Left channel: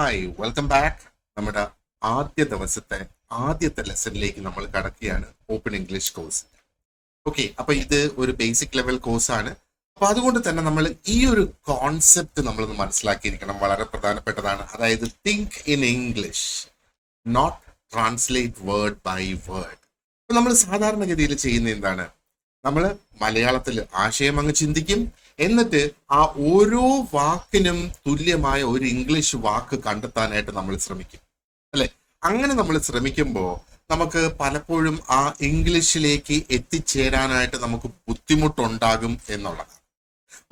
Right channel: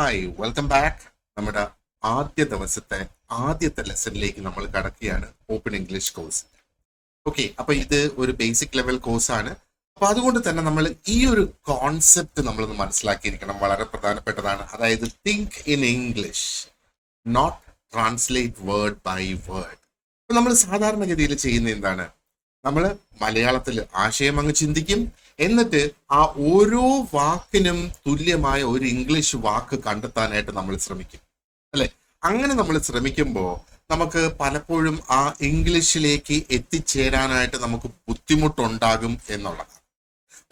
Hi welcome back. നമ്മുടെ ആദ്യ ദിവസത്തെ ആദ്യത്തെ ലെസണിലേക്ക് നമ്മൾ കടക്കുകയാണ്. Open English course. ഓക്കെ, അപ്പൊ ഇത് ഒരു ബേസിക് ലെവൽ കോഴ്സാണ്. അപ്പൊ അതുകൊണ്ട് തന്നെ നമ്മൾ ഈ ഒരു കോൺസെപ്റ്റ് നമ്മളൊന്ന് മനസ്സിലാക്കിയിരിക്കണം, വളരെ പ്രധാനപ്പെട്ടതാണ്. അതായത് think in English, not translate word by word. അപ്പൊ നമ്മൾ സാധാരണഗതിയിൽ ചെയ്യുന്ന എന്താണ്, നമ്മൾ മലയാളത്തിൽ ആശയം അങ്ങ് ചിന്തിക്കും, എന്നിട്ട് ആ ഓരോ വാക്കിനും തുല്യമായ ഒരു ഇംഗ്ലീഷ് വാക്ക് കണ്ടെത്താനായിട്ട് നമ്മൾ ശ്രമിക്കും, അല്ലെ? അങ്ങനെ നമ്മൾ ശ്രമിക്കുമ്പോൾ നമുക്ക് പലപ്പോഴും ആ ഇംഗ്ലീഷിലേക്ക് എത്തിച്ചേരാനായിട്ട് നമുക്ക് ബുദ്ധിമുട്ടുണ്ടാകും എന്നുള്ളത്.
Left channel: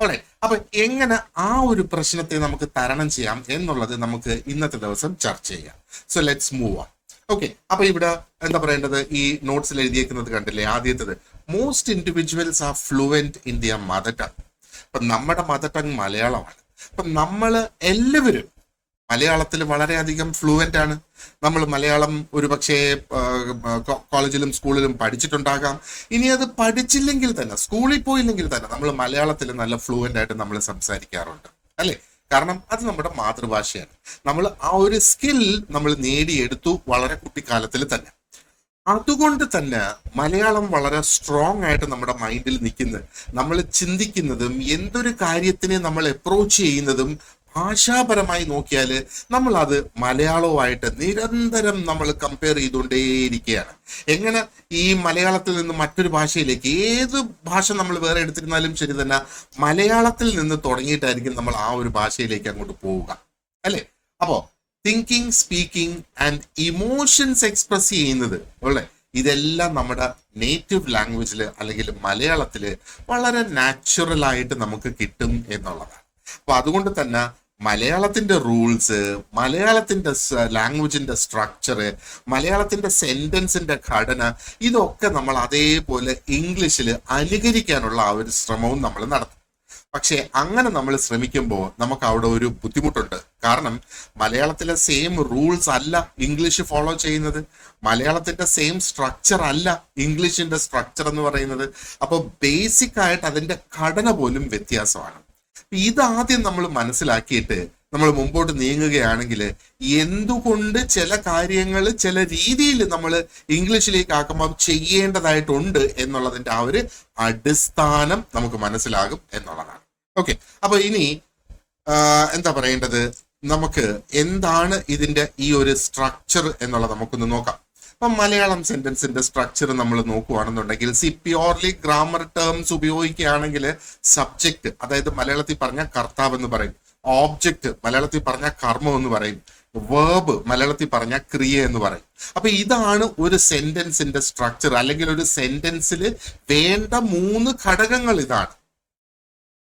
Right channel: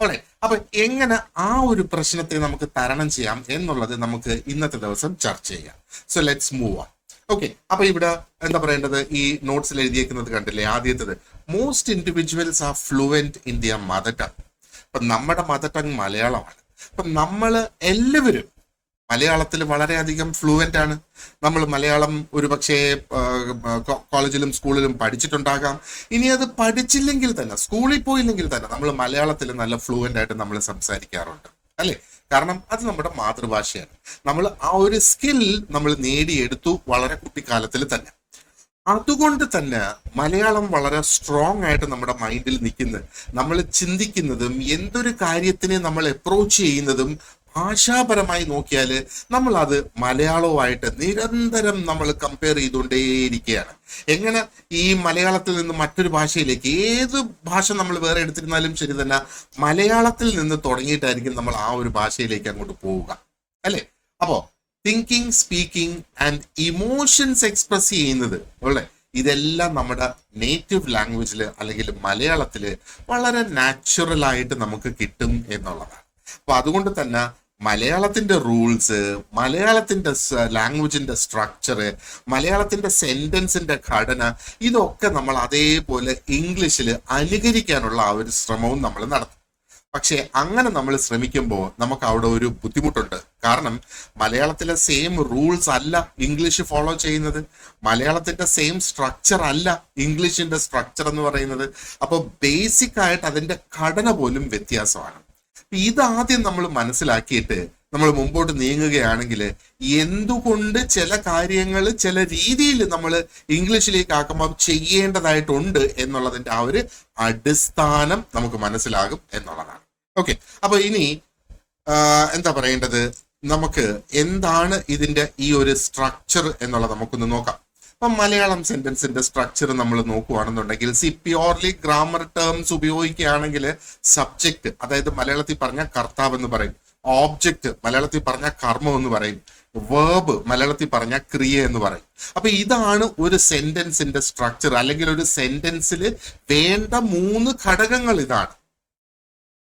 അല്ലെ? അപ്പൊ എങ്ങനെ ആ ഒരു പ്രശ്നത്തെ നമുക്ക് തരണം ചെയ്യാം എന്നുള്ളത് നമുക്ക് ഇന്നത്തെ ദിവസം ചർച്ച ചെയ്യാം. So let's move on. Okay, അപ്പൊ ഇവിടെ എന്താ പറയേണ്ടത്, ഈ നോട്ട്സിൽ എഴുതിയേക്കുന്നത് കണ്ടില്ലേ? ആദ്യത്തേത്, most individuals are fluent in their mother tongue. അപ്പൊ നമ്മുടെ മദർ ടങ് മലയാളമാണ്. അപ്പൊ നമ്മള് എല്ലാവരും മലയാളത്തിൽ വളരെയധികം ഫ്ലുവന്റ് ആണ്. നമ്മൾ മലയാളം ഒരു പക്ഷേ കോളേജിലും സ്കൂളിലും പഠിച്ചിട്ടുണ്ടാകാം. ഇനി അത് പഠിച്ചില്ലെങ്കിൽ തന്നെ, സ്കൂളിൽ പോയില്ലെങ്കിൽ തന്നെ, നമ്മൾ മലയാളത്തിൽ നല്ല ഫ്ലുവന്റ് ആയിട്ട് നമ്മൾ സംസാരിക്കാറുണ്ട്, അല്ലെ? കാരണം അത് നമ്മുടെ മാതൃഭാഷയാണ്. നമ്മൾ ആ ഒരു സ്കിൽ നമ്മൾ നേടിയെടുത്തു വളരെ കുട്ടിക്കാലത്തിൽ തന്നെ. അതുകൊണ്ട് തന്നെ മലയാളം വളരെ സ്ട്രോങ് ആയിട്ട് നമ്മുടെ മൈൻഡിൽ നിൽക്കുന്നത്, നമ്മൾ ചിന്തിക്കുന്നതും എന്തൊരു കാര്യത്തിനെ നമ്മൾ അപ്രോച്ച് ചെയ്യുന്നതും ഭാഷാപരമായി നോക്കിയാൽ നമ്മൾ അത് മലയാളവുമായിട്ട് നിരന്തരം നമ്മൾ കമ്പയർ ചെയ്തുകൊണ്ടേയിരിക്കുകയാണ്. എങ്ങനെ ഈ മലയാളത്തിൽ നിന്ന് മറ്റൊരു ഭാഷയിലേക്ക്, ഏത് ഭാഷ നമ്മൾ വേറെ എടുത്തിരുന്നാലും ശരി തന്നെ, മലയാളത്തിൽ നിന്ന് തുടങ്ങിയിട്ടായിരിക്കും നമ്മൾ ആ ഒരു ഭാഷയിലേക്ക് അങ്ങോട്ട് പോവുക, അല്ലെ? അപ്പോ thinking, speaking and emotions express ചെയ്യുന്നത്, അല്ലെ, ഇതെല്ലാം നമ്മുടെ നേറ്റീവ് ലാംഗ്വേജിൽ അല്ലെങ്കിൽ മലയാളത്തില് വളരെ നാച്ചുറൽ ആയിട്ട് നമുക്ക് കിട്ടും എന്നുള്ളതാണ്. അപ്പൊ അതുകൊണ്ട് തന്നെ മലയാളത്തിന്റെ റൂൾസ്, മലയാളത്തിന്റെ ലാംഗ്വേജിന്റെ സ്ട്രക്ചർ, മലയാളത്തിന്റെ സെന്റൻസിന്റെ ഘടന, ഇതൊക്കെ നമ്മൾ അതേപോലെ ഇംഗ്ലീഷിൽ അനുകരിക്കാനുള്ള ആ ഒരു ശ്രമവും നമ്മൾ നടത്തും. പക്ഷെ അങ്ങനെ നമ്മൾ ശ്രമിക്കുമ്പോൾ നമുക്ക് അവിടെ ഒരു ബുദ്ധിമുട്ടുണ്ട്. കാരണം മലയാളത്തിലെ സെയിം റൂൾസ് അല്ല ഇംഗ്ലീഷ് ഫോളോ ചെയ്യുന്നത്, മലയാളത്തിന്റെ സെയിം സ്ട്രക്ചർ അല്ല ഇംഗ്ലീഷിന്റെ സ്ട്രക്ചർ എന്ന് പറയുന്നത്. അപ്പൊ ബേസിക് ആയിട്ട് അതിന്റെ ഘടന പോലും വ്യത്യാസമാണ്. ഇതാദ്യം നമ്മൾ മനസ്സിലാക്കിയിട്ട് നമ്മൾ മുമ്പോട്ട് നീങ്ങുകയാണെങ്കിൽ എന്തുകൊണ്ട് ചില കാര്യങ്ങൾ ചില രീതിയിൽ നമ്മൾ ഇംഗ്ലീഷിലേക്ക് ആക്കുമ്പോൾ ചെയ്യേണ്ടതായിട്ടുണ്ട് എന്നുള്ളതിന്റെ ആ ഒരു അടിസ്ഥാനം നമുക്ക് മനസ്സിലാകും എന്നുള്ളതാണ്. ഓക്കെ, അപ്പൊ ഇനി എന്താ പറയേണ്ടത്, നമുക്ക് എന്താണ് ഇതിന്റെ ഈ ഒരു സ്ട്രക്ചർ എന്നുള്ളത് നമുക്കൊന്ന് നോക്കാം. അപ്പൊ മലയാളം സെന്റൻസിന്റെ സ്ട്രക്ചർ നമ്മൾ നോക്കുകയാണെന്നുണ്ടെങ്കിൽ, പ്യോർലി ഗ്രാമർ ടേംസ് ഉപയോഗിക്കുകയാണെങ്കിൽ സബ്ജക്ട്, അതായത് മലയാളത്തിൽ പറഞ്ഞ കർത്താവ് എന്ന് പറയും, ഓബ്ജക്റ്റ് മലയാളത്തിൽ പറഞ്ഞ കർമ്മം എന്ന് പറയും, വേർബ് മലയാളത്തിൽ പറഞ്ഞ ക്രിയ എന്ന് പറയും. അപ്പൊ ഇതാണ് ഒരു സെന്റൻസിന്റെ സ്ട്രക്ചർ, അല്ലെങ്കിൽ ഒരു സെന്റൻസിൽ വേണ്ട 3 ഘടകങ്ങൾ ഇതാണ്.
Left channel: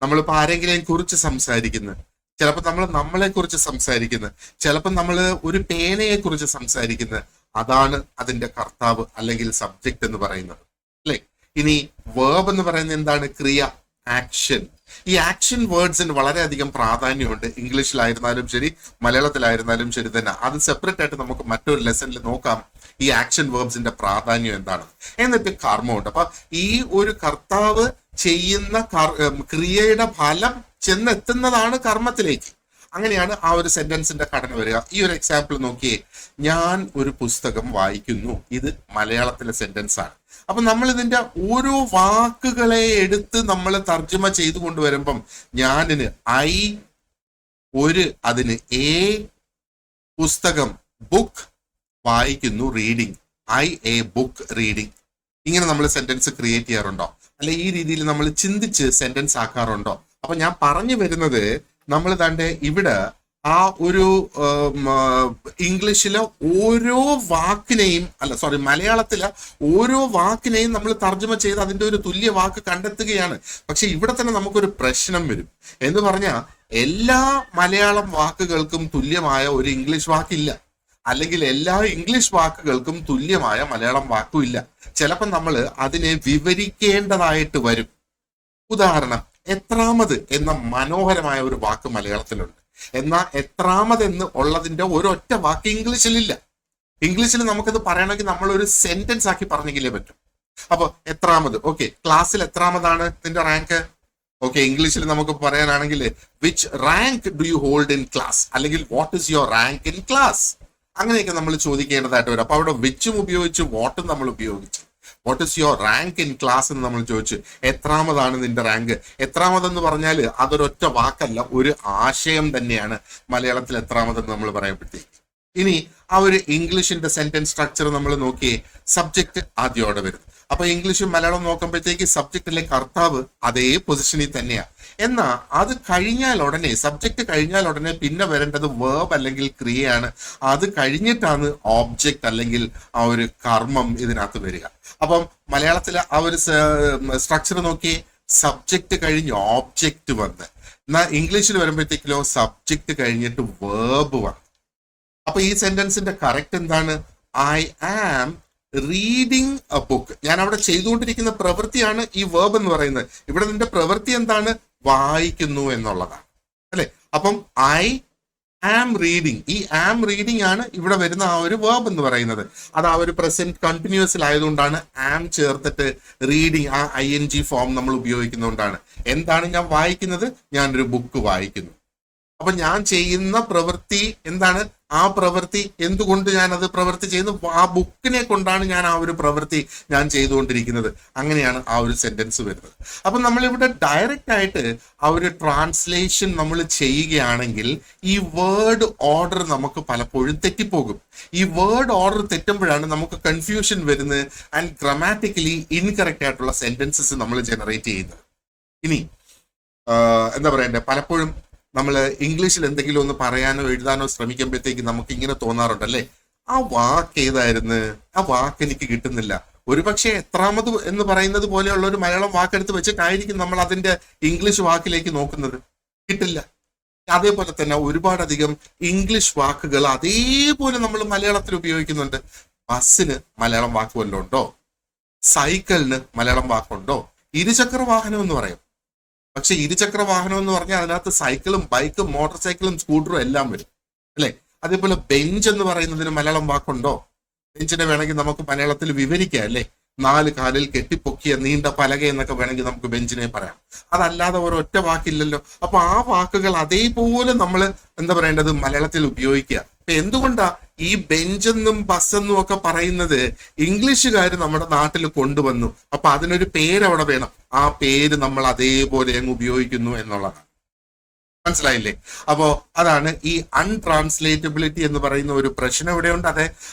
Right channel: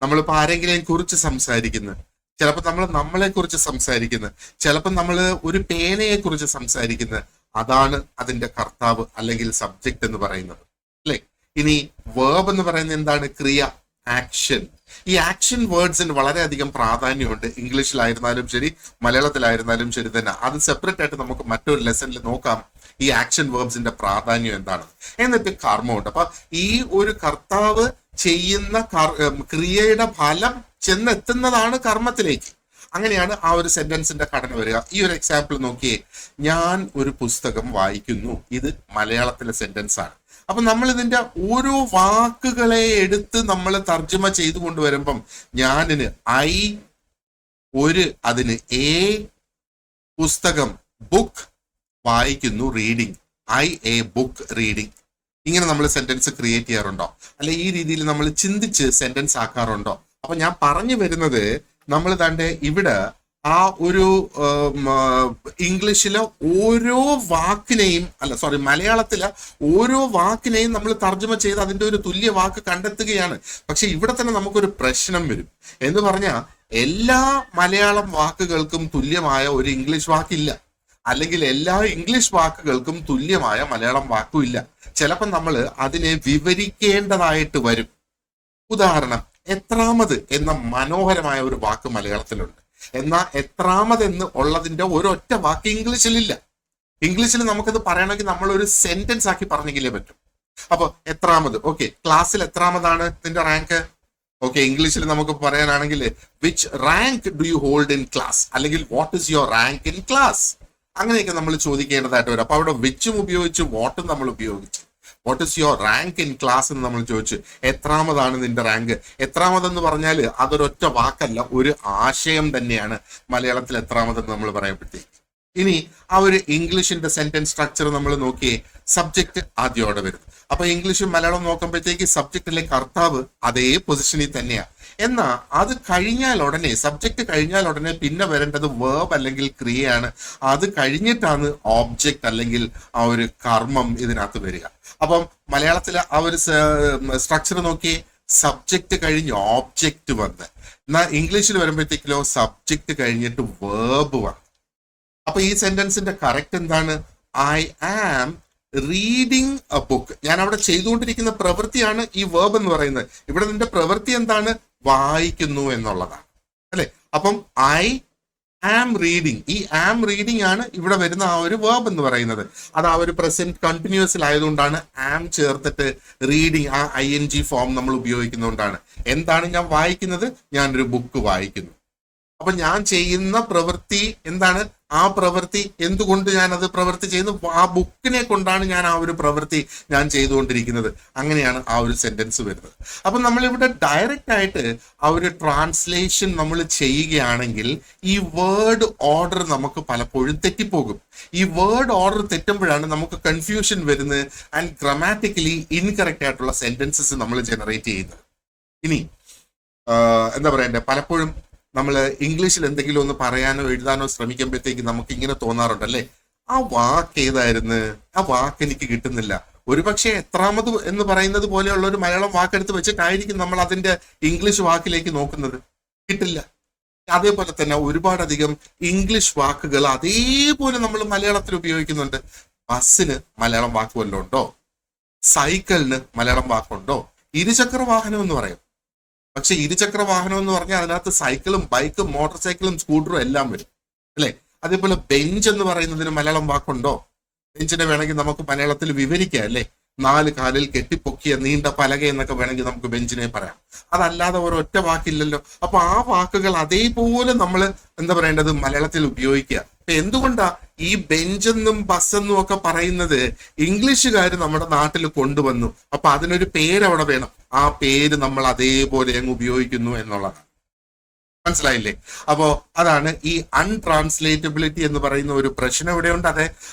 നമ്മളിപ്പോ ആരെങ്കിലും കുറിച്ച് സംസാരിക്കുന്നത്, ചിലപ്പോൾ നമ്മൾ നമ്മളെ കുറിച്ച് സംസാരിക്കുന്നത്, ചിലപ്പോൾ നമ്മൾ ഒരു പേനയെ കുറിച്ച് സംസാരിക്കുന്നത്, അതാണ് അതിന്റെ കർത്താവ് അല്ലെങ്കിൽ സബ്ജക്ട് എന്ന് പറയുന്നത്, അല്ലെ? ഇനി വേർബ് എന്ന് പറയുന്നത് എന്താണ്? ക്രിയ, ആക്ഷൻ. ഈ ആക്ഷൻ വേർഡ്സിന് വളരെയധികം പ്രാധാന്യമുണ്ട്. ഇംഗ്ലീഷിലായിരുന്നാലും ശരി, മലയാളത്തിലായിരുന്നാലും ശരി തന്നെ. അത് സെപ്പറേറ്റ് ആയിട്ട് നമുക്ക് മറ്റൊരു ലെസണിൽ നോക്കാം, ഈ ആക്ഷൻ വേർബ്സിന്റെ പ്രാധാന്യം എന്താണ്. എന്നിട്ട് കർമ്മമുണ്ട്. അപ്പൊ ഈ ഒരു കർത്താവ് ചെയ്യുന്ന ക്രിയയുടെ ഫലം ചെന്നെത്തുന്നതാണ് കർമ്മത്തിലേക്ക്. അങ്ങനെയാണ് ആ ഒരു സെന്റൻസിന്റെ ഘടന വരിക. ഈ ഒരു എക്സാമ്പിൾ നോക്കിയേ, ഞാൻ ഒരു പുസ്തകം വായിക്കുന്നു. ഇത് മലയാളത്തിലെ സെന്റൻസ് ആണ്. അപ്പൊ നമ്മൾ ഇതിന്റെ ഓരോ വാക്കുകളെ എടുത്ത് നമ്മൾ തർജ്ജമ ചെയ്തു കൊണ്ടുവരുമ്പം, ഞാനിന് ഐ, അതിന് എ, പുസ്തകം ബുക്ക്, വായിക്കുന്നു reading, I A book reading. ഇങ്ങനെ നമ്മൾ സെന്റൻസ് ക്രിയേറ്റ് ചെയ്യാറുണ്ടോ? അല്ലെ ഈ രീതിയിൽ നമ്മൾ ചിന്തിച്ച് സെന്റൻസ് ആക്കാറുണ്ടോ? അപ്പൊ ഞാൻ പറഞ്ഞു വരുന്നത്, നമ്മൾ തന്റെ ഇവിടെ ആ ഒരു ഇംഗ്ലീഷിലെ ഓരോ വാക്കിനെയും, മലയാളത്തിലെ ഓരോ വാക്കിനെയും നമ്മൾ തർജ്ജമ ചെയ്ത് അതിന്റെ ഒരു തുല്യ വാക്ക് കണ്ടെത്തുകയാണ്. പക്ഷെ ഇവിടെ തന്നെ നമുക്കൊരു പ്രശ്നം വരും. എന്ന് പറഞ്ഞാൽ എല്ലാ മലയാളം വാക്കുകൾക്കും തുല്യമായ ഒരു ഇംഗ്ലീഷ് വാക്കില്ല, അല്ലെങ്കിൽ എല്ലാ ഇംഗ്ലീഷ് വാക്കുകൾക്കും തുല്യമായ മലയാളം വാക്കും ഇല്ല. ചിലപ്പോൾ നമ്മൾ അതിനെ വിവരിക്കേണ്ടതായിട്ട് വരും. ഉദാഹരണം, എത്രാമത് എന്ന മനോഹരമായ ഒരു വാക്ക് മലയാളത്തിലുണ്ട്, എന്നാൽ എത്രാമത് എന്ന് ഉള്ളതിന്റെ ഒരൊറ്റ വാക്ക് ഇംഗ്ലീഷിലില്ല. ഇംഗ്ലീഷിൽ നമുക്കത് പറയണമെങ്കിൽ നമ്മൾ ഒരു സെന്റൻസ് ആക്കി പറഞ്ഞെങ്കിലേ പറ്റും. അപ്പൊ എത്രാമത്, ഓക്കെ, ക്ലാസ്സിൽ എത്രാമതാണ് നിന്റെ റാങ്ക്? ഓക്കെ, ഇംഗ്ലീഷിൽ നമുക്ക് പറയാനാണെങ്കിൽ which rank do you hold in class, അല്ലെങ്കിൽ what is your rank in class, അങ്ങനെയൊക്കെ നമ്മൾ ചോദിക്കേണ്ടതായിട്ട് വരും. അപ്പൊ അവിടെ വിച്ചും ഉപയോഗിച്ച് വാട്ടും നമ്മൾ ഉപയോഗിച്ചു. What is your rank in class എന്ന് നമ്മൾ ചോദിച്ചു. എത്രാമതാണ് നിന്റെ റാങ്ക്? എത്രാമതെന്ന് പറഞ്ഞാൽ അതൊരൊറ്റ വാക്കല്ല, ഒരു ആശയം തന്നെയാണ് മലയാളത്തിൽ എത്രാമതെന്ന് നമ്മൾ പറയുമ്പോഴത്തേക്ക്. ഇനി ആ ഒരു ഇംഗ്ലീഷിന്റെ സെന്റൻസ് സ്ട്രക്ചർ നമ്മൾ നോക്കിയേ. സബ്ജക്ട് ആദ്യോടെ വരുന്നു. അപ്പൊ ഇംഗ്ലീഷും മലയാളം നോക്കുമ്പോഴത്തേക്ക് സബ്ജക്റ്റിലെ കർത്താവ് അതേ പൊസിഷനിൽ തന്നെയാണ്. എന്നാ അത് കഴിഞ്ഞാൽ ഉടനെ, സബ്ജക്ട് കഴിഞ്ഞാൽ ഉടനെ പിന്നെ വരേണ്ടത് വേർബ് അല്ലെങ്കിൽ ക്രിയയാണ്. അത് കഴിഞ്ഞിട്ടാണ് ഓബ്ജക്റ്റ് അല്ലെങ്കിൽ ആ ഒരു കർമ്മം ഇതിനകത്ത് വരിക. അപ്പം മലയാളത്തിലെ ആ ഒരു സ്ട്രക്ചർ നോക്കിയേ. സബ്ജക്ട് കഴിഞ്ഞ് ഓബ്ജക്റ്റ് വന്ന്, എന്നാൽ ഇംഗ്ലീഷിൽ വരുമ്പോഴത്തേക്കിലോ സബ്ജക്ട് കഴിഞ്ഞിട്ട് വേർബ് വന്നു. അപ്പൊ ഈ സെന്റൻസിന്റെ കറക്റ്റ് എന്താണ്? I am reading a book. ഞാൻ അവിടെ ചെയ്തുകൊണ്ടിരിക്കുന്ന പ്രവൃത്തിയാണ് ഈ വേർബ് എന്ന് പറയുന്നത്. ഇവിടെ നിന്റെ പ്രവൃത്തി എന്താണ്? വായിക്കുന്നു എന്നുള്ളതാണ്, അല്ലെ? അപ്പം ഐ ആം റീഡിങ്, ഈ ആം റീഡിങ് ആണ് ഇവിടെ വരുന്ന ആ ഒരു വേർബ് എന്ന് പറയുന്നത്. അത് ആ ഒരു പ്രസന്റ് കണ്ടിന്യൂസിൽ ആയതുകൊണ്ടാണ് ആം ചേർത്തിട്ട് റീഡിങ് ആ ING ഫോം നമ്മൾ ഉപയോഗിക്കുന്നതുകൊണ്ടാണ്. എന്താണ് ഞാൻ വായിക്കുന്നത്? ഞാനൊരു ബുക്ക് വായിക്കുന്നു. അപ്പൊ ഞാൻ ചെയ്യുന്ന പ്രവൃത്തി എന്താണ്? ആ പ്രവൃത്തി എന്തുകൊണ്ട് ഞാൻ അത് പ്രവൃത്തി ചെയ്യുന്നു? ആ ബുക്കിനെ കൊണ്ടാണ് ഞാൻ ആ ഒരു പ്രവൃത്തി ഞാൻ ചെയ്തുകൊണ്ടിരിക്കുന്നത്. അങ്ങനെയാണ് ആ ഒരു സെന്റൻസ് വരുന്നത്. അപ്പൊ നമ്മളിവിടെ ഡയറക്റ്റ് ആയിട്ട് ആ ഒരു ട്രാൻസ്ലേഷൻ നമ്മൾ ചെയ്യുകയാണെങ്കിൽ ഈ വേർഡ് ഓർഡർ നമുക്ക് പലപ്പോഴും തെറ്റിപ്പോകും. ഈ വേർഡ് ഓർഡർ തെറ്റുമ്പോഴാണ് നമുക്ക് കൺഫ്യൂഷൻ വരുന്നത് ആൻഡ് ഗ്രാമാറ്റിക്കലി ഇൻകറക്റ്റ് ആയിട്ടുള്ള സെന്റൻസസ് നമ്മൾ ജനറേറ്റ് ചെയ്യുന്നത്. ഇനി എന്താ പറയണ്ടേ, പലപ്പോഴും നമ്മൾ ഇംഗ്ലീഷിൽ എന്തെങ്കിലും ഒന്ന് പറയാനോ എഴുതാനോ ശ്രമിക്കുമ്പോഴത്തേക്ക് നമുക്ക് ഇങ്ങനെ തോന്നാറുണ്ടല്ലേ, ആ വാക്ക് ഏതായിരുന്നു? ആ വാക്ക് എനിക്ക് കിട്ടുന്നില്ല. ഒരുപക്ഷെ എത്രാമത് എന്ന് പറയുന്നത് പോലെയുള്ള ഒരു മലയാളം വാക്കെടുത്ത് വെച്ചിട്ടായിരിക്കും നമ്മൾ അതിന്റെ ഇംഗ്ലീഷ് വാക്കിലേക്ക് നോക്കുന്നത്. കിട്ടില്ല. അതേപോലെ തന്നെ ഒരുപാടധികം ഇംഗ്ലീഷ് വാക്കുകൾ അതേപോലെ നമ്മൾ മലയാളത്തിൽ ഉപയോഗിക്കുന്നുണ്ട്. ബസ്സിന് മലയാളം വാക്ക് വല്ലതും ഉണ്ടോ? സൈക്കിളിന് മലയാളം വാക്കുണ്ടോ? ഇരുചക്ര വാഹനം എന്ന് പറയും. പക്ഷെ ഇരുചക്ര വാഹനം എന്ന് പറഞ്ഞാൽ അതിനകത്ത് സൈക്കിളും ബൈക്കും മോട്ടോർ സൈക്കിളും സ്കൂട്ടറും എല്ലാം വരും, അല്ലെ? അതേപോലെ ബെഞ്ച് എന്ന് പറയുന്നതിന് മലയാളം വാക്കുണ്ടോ? ബെഞ്ചിനെ വേണമെങ്കിൽ നമുക്ക് മലയാളത്തിൽ വിവരിക്കാം, അല്ലെ? 4 കാലിൽ കെട്ടിപ്പൊക്കിയ നീണ്ട പലക എന്നൊക്കെ വേണമെങ്കിൽ നമുക്ക് ബെഞ്ചിനെ പറയാം. അതല്ലാതെ ഒരൊറ്റ വാക്കില്ലല്ലോ. അപ്പൊ ആ വാക്കുകൾ അതേപോലെ നമ്മൾ എന്താ പറയേണ്ടത്? മലയാളത്തിൽ ഉപയോഗിക്കുക. അപ്പൊ എന്തുകൊണ്ടാ ഈ ബെഞ്ചെന്നും ബസ്സെന്നും ഒക്കെ പറയുന്നത് ഇംഗ്ലീഷുകാർ നമ്മുടെ നാട്ടിൽ കൊണ്ടുവന്നു. അപ്പൊ അതിനൊരു പേര് അവിടെ വേണം. ആ പേര് നമ്മൾ അതേപോലെ അങ്ങ് ഉപയോഗിക്കുന്നു എന്നുള്ളതാണ്. മനസ്സിലായില്ലേ? അപ്പോ അതാണ് ഈ അൺട്രാൻസ്ലേറ്റബിലിറ്റി എന്ന് പറയുന്ന ഒരു പ്രശ്നം ഇവിടെയുണ്ട്.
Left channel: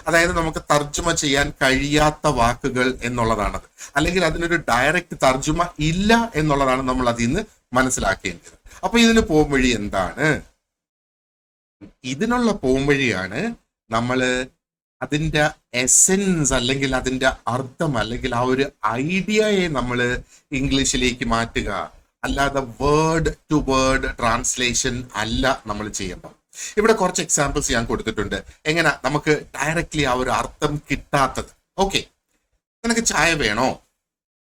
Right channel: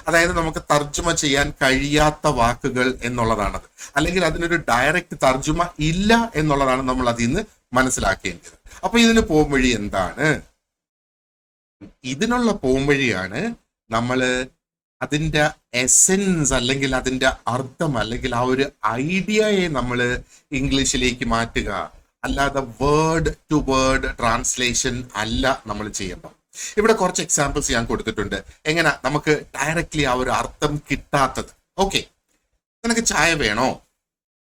അതായത് നമുക്ക് തർജ്ജമ ചെയ്യാൻ കഴിയാത്ത വാക്കുകൾ എന്നുള്ളതാണത്. അല്ലെങ്കിൽ അതിനൊരു ഡയറക്റ്റ് തർജ്ജമ ഇല്ല എന്നുള്ളതാണ് നമ്മൾ അതിൽ നിന്ന് മനസ്സിലാക്കേണ്ടത്. അപ്പൊ ഇതിന് പോംവഴി എന്താണ്? ഇതിനുള്ള പോംവഴിയാണ് നമ്മൾ അതിന്റെ എസെൻസ് അല്ലെങ്കിൽ അതിന്റെ അർത്ഥം അല്ലെങ്കിൽ ആ ഒരു ഐഡിയയെ നമ്മൾ ഇംഗ്ലീഷിലേക്ക് മാറ്റുക. അല്ലാതെ വേർഡ് ടു വേർഡ് ട്രാൻസ്ലേഷൻ അല്ല നമ്മൾ ചെയ്യേണ്ടത്. ഇവിടെ കുറച്ച് എക്സാമ്പിൾസ് ഞാൻ കൊടുത്തിട്ടുണ്ട്. എങ്ങനെ നമുക്ക് ഡയറക്ട്ലി ആ ഒരു അർത്ഥം കിട്ടാത്തത്. ഓക്കെ, നിനക്ക് ചായ വേണോ?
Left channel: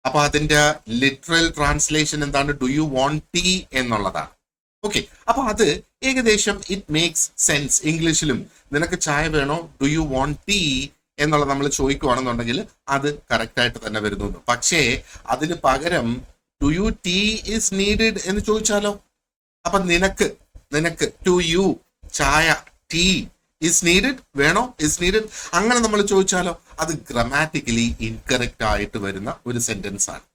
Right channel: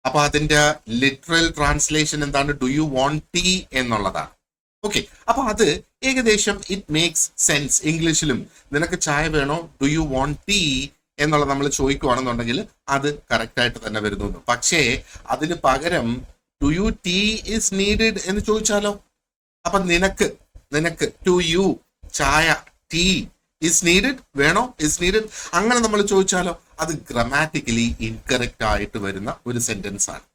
അപ്പൊ അതിന്റെ ലിറ്ററൽ ട്രാൻസ്ലേഷൻ എന്താണ്? ഡു യു വോണ്ട് ടീ എന്നുള്ളതാണ്. ഓക്കെ, അപ്പൊ അത് ഏകദേശം ഇറ്റ് മേക്സ് സെൻസ്. ഇംഗ്ലീഷിലും നിനക്ക് ചായ വേണോ, ഡു യു വോണ്ട് ടീ എന്നുള്ളത് നമ്മൾ ചോദിക്കുകയാണെന്നുണ്ടെങ്കിൽ അത് കറക്റ്റ് ആയിട്ട് തന്നെ വരുന്നു. പക്ഷേ അതിന് പകരം do you tea is needed എന്ന് ചോദിച്ചാലോ? അപ്പൊ നിനക്ക് ടു യു ചായ ടീ ഇസ് നീഡഡ്, വേണോ, ഇസ് നീഡഡ്, അങ്ങനെ നമ്മൾ ചോദിച്ചാലോ? അത് ഗ്രാമാറ്റിക്കലി ഇൻകറക്റ്റ് ആയിട്ട് വരുന്ന ഒരു സെന്റൻസ് ആണ്.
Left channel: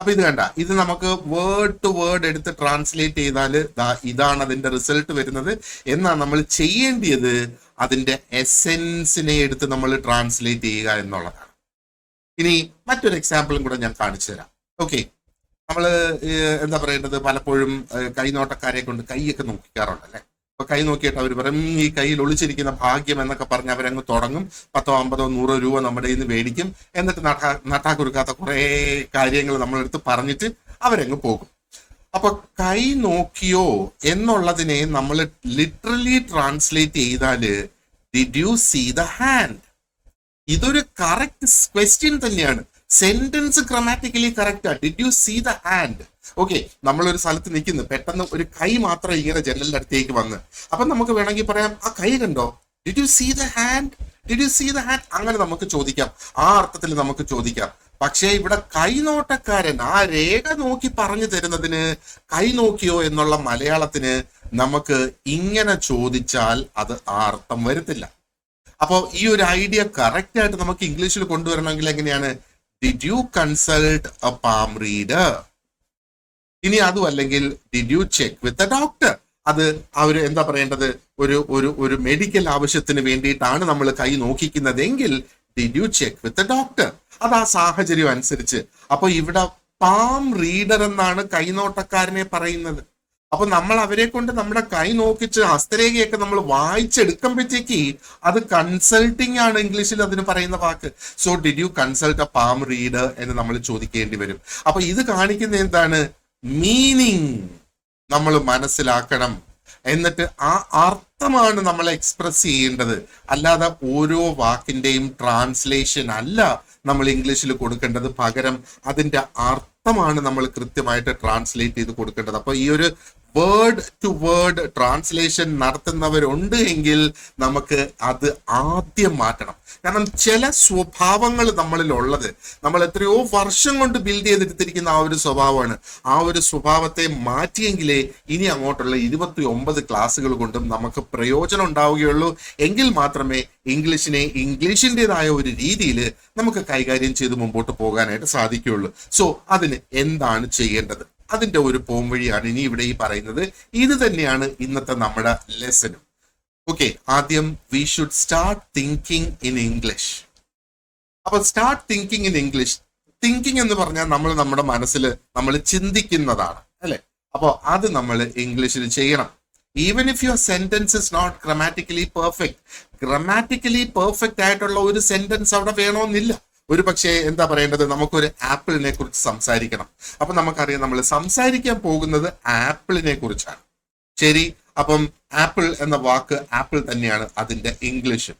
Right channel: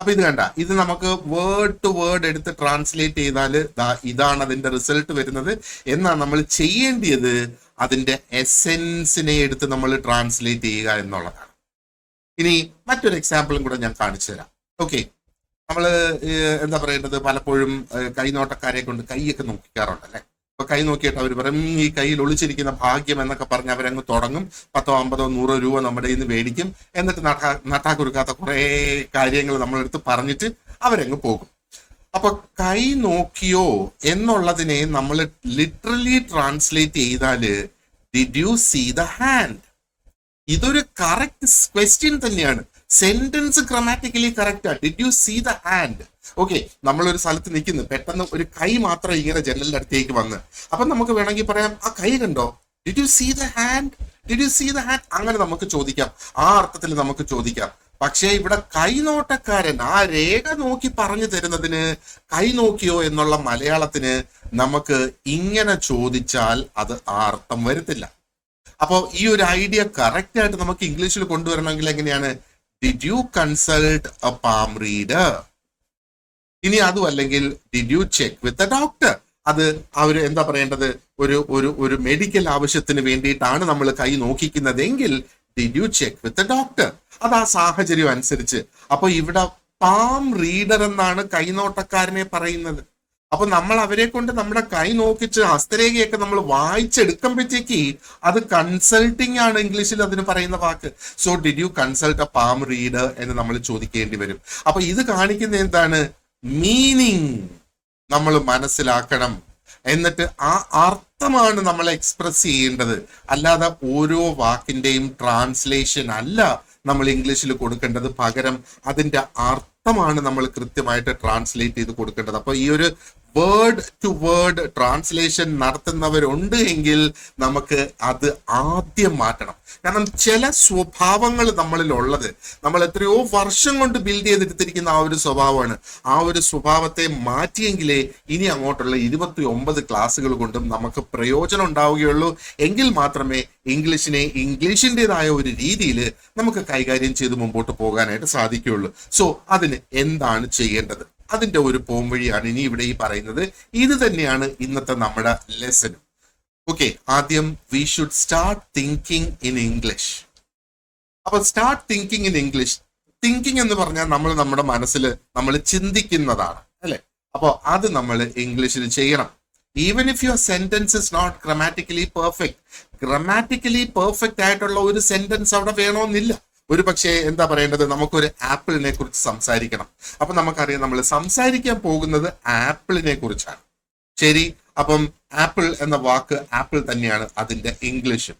അപ്പൊ ഇത് കണ്ട, ഇത് നമുക്ക് വേർഡ് ടു വേർഡ് എടുത്ത് ട്രാൻസ്ലേറ്റ് ചെയ്താൽ ഇതാണ് അതിന്റെ റിസൾട്ട് വരുന്നത്. എന്നാ നമ്മൾ ചെയ്യേണ്ടത് അതിന്റെ എസെൻസിനെ എടുത്ത് നമ്മൾ ട്രാൻസ്ലേറ്റ് ചെയ്യുക എന്നുള്ളതാണ്. ഇനി മറ്റൊരു എക്സാമ്പിളും കൂടെ ഞാൻ കാണിച്ചു തരാം. ഓക്കെ, നമ്മള് എന്താ പറയേണ്ടത്, പലപ്പോഴും കൈനോട്ടക്കാരെ കൊണ്ട് കൈയൊക്കെ നോക്കിക്കാറുണ്ട്, അല്ലെ? അപ്പൊ കൈ നോക്കിയിട്ട് അവർ പറയും ഈ കയ്യിൽ ഒളിച്ചിരിക്കുന്ന ഭാഗ്യം എന്നൊക്കെ പറഞ്ഞ് അവരങ്ങ് തുടങ്ങും. 10, 50, 100 രൂപ നമ്മുടെ കയ്യിൽ നിന്ന് മേടിക്കും. എന്നിട്ട് നട്ടാക്കുറുക്കാത്ത കുറെ കാര്യങ്ങൾ നമ്മളെടുത്ത് പറഞ്ഞിട്ട് അവരങ്ങ് പോകും. അപ്പൊ കൈ നോക്കിയോ എന്നുള്ളതിനെ നമ്മൾ ലിറ്ററലി ട്രാൻസ്ലേറ്റ് ചെയ്താല് did you see the hand? ഇതൊരു കറക്റ്റ് ക്വസ്റ്റ്യൻ തന്നെയാണ്. സെന്റൻസ് ഗ്രാമാറ്റിക്കലി കറക്റ്റാ. Did you see the hand? Okay, നമ്മളൊരു സ്ഥലത്ത് നിൽക്കുന്നു, പെട്ടെന്ന് ഒരു കൈ മാത്രം ഇങ്ങനെ ജനലിന്റെ അടുത്തേക്ക് വന്ന്, അപ്പൊ നമുക്ക് വേണമെങ്കിൽ പറയാം ആ കൈ കണ്ടോ? Did you see the hand? Did you see the hand? അങ്ങനെ നമുക്ക് ചോദിക്കാം. ആ അർത്ഥത്തിൽ നമുക്ക് ചോദിക്കാം. പക്ഷേ ഇവിടെ കൈനോട്ടക്കാരൻ ആ രേഖ നോക്കി പറഞ്ഞു തരുന്നതിന് കൈ നോക്കിയോ എന്നുള്ള മലയാളത്തിന് നമുക്ക് ഇങ്ങനെ ചോദിച്ചാൽ അത് ആ അർത്ഥം വരുത്തില്ല. അപ്പോ ഈ ഒരു ഐഡിയ കറക്റ്റ് ആയിട്ട് നമുക്ക് ഇംഗ്ലീഷിൽ കൊണ്ടുവരണമെങ്കിൽ എങ്ങനെയാണ്? Did you consult a palm reader? ഇനി അതും അല്ലെങ്കിൽ did you check with a doctor? അത് അവര് എന്താ പറയേണ്ടത്? ഒരു ഒരു ഒരു മെഡിക്കൽ ആവശ്യത്തിന് വേണ്ടിയിട്ടാണ് നമ്മൾ കൈ നോക്കിക്കുന്നതെങ്കിൽ did you check with a doctor? അത് ആ സാഹചര്യം അനുസരിച്ച്. അപ്പൊ ഇവിടെ പാം റീഡർ എന്നാണ് കൈനോട്ടക്കാരനെ പറയുന്നത്. അപ്പൊ നമ്മൾ അവരെ കൊണ്ട് നമ്മുടെ കൈ നോക്കിച്ച് ഹസ്തരേഖയൊക്കെ നമ്മൾ വായിച്ചെടുക്കുമ്പോഴത്തേക്ക് അത് കൺസൾട്ടിങ് ആണ് ഇംഗ്ലീഷിൽ അതിന് പറയുന്ന വാക്ക്. So did you consult a palm reader എന്ന് നമ്മൾ ചോദിക്കേണ്ടി വരും. അപ്പൊ ഇത് കാണിക്കുന്ന എന്താണ്? മീനിങ് നമ്മൾ മനസ്സിലാക്കണം, എന്നിട്ട് ആ അർത്ഥമാണ് നമ്മൾ എക്സ്പ്രസ് ചെയ്യേണ്ടത്. അല്ലാതെ ഓരോ വാക്കിന്റെയും ട്രാൻസ്ലേഷൻ അല്ല നമ്മൾ ഇംഗ്ലീഷിൽ കൊടുക്കേണ്ടത്. പകരം അതിന്റെ അർത്ഥമാണ് നമ്മൾ കൃത്യമായിട്ട് ട്രാൻസ്ലേറ്റ് ചെയ്ത് കൊടുക്കേണ്ടത്. അപ്പൊ ഈ ഒരു വേർഡ് ടു വേർഡ് ട്രാൻസ്ലേഷൻ നടത്തുന്നവരുണ്ട് എങ്കിൽ നമുക്ക് അത് ആദ്യം മാറ്റണം. കാരണം ചില സ്വഭാവങ്ങൾ നമ്മളിൽ ഉള്ളത് നമ്മൾ എത്രയോ വർഷം കൊണ്ട് ബിൽഡ് ചെയ്തെടുത്തിരിക്കുന്ന ആ ഒരു സ്വഭാവമാണ്. ആ ഒരു സ്വഭാവത്തെ മാറ്റിയെങ്കിലേ ഇനി അങ്ങോട്ടുള്ള 29 ക്ലാസ്സുകൾ കൊണ്ടും നമുക്ക് പ്രയോജനം ഉണ്ടാവുകയുള്ളൂ. എങ്കിൽ മാത്രമേ ഇംഗ്ലീഷിനെ ഇംഗ്ലീഷിൻ്റെതായ ഒരു രീതിയിൽ നമുക്ക് കൈകാര്യം ചെയ്ത് മുമ്പോട്ട് പോകാനായിട്ട് സാധിക്കുകയുള്ളൂ. സോ അതിന് എന്താണ് ചെയ്യേണ്ടത്? അതിന്റെ ഒരു പോംവഴിയാണ് ഇനി ഇവിടെ ഈ പറയുന്നത്. ഇത് തന്നെയാണ് ഇന്നത്തെ നമ്മുടെ ലെസനും. ഓക്കെ, ആദ്യം we should start thinking in English. അപ്പൊ start thinking in English. Thinking എന്ന് പറഞ്ഞാൽ നമ്മൾ നമ്മുടെ മനസ്സിൽ നമ്മൾ ചിന്തിക്കുന്നതാണ്, അല്ലെ? അപ്പൊ അത് നമ്മൾ ഇംഗ്ലീഷിൽ ചെയ്യണം. Even if your sentence is not grammatically perfect. Grammatically perfect ആയിട്ടുള്ള ഒരു സെന്റൻസ് അവിടെ വേണമെന്നില്ല. ഒരു പക്ഷേ എന്താ പറയേണ്ടത്? നമുക്കൊരു ആപ്പിളിനെ കുറിച്ച് സംസാരിക്കണം. അപ്പൊ നമുക്കറിയാം നമ്മൾ സംസാരിക്കാൻ പോകുന്നത് ആപ്പിളിനെ കുറിച്ചാണ്. ശരി, അപ്പം ആപ്പിൾ എന്ന വാക്ക് ആപ്പിൾ തന്നെയാണ് അതിന്റെ ഇംഗ്ലീഷ്.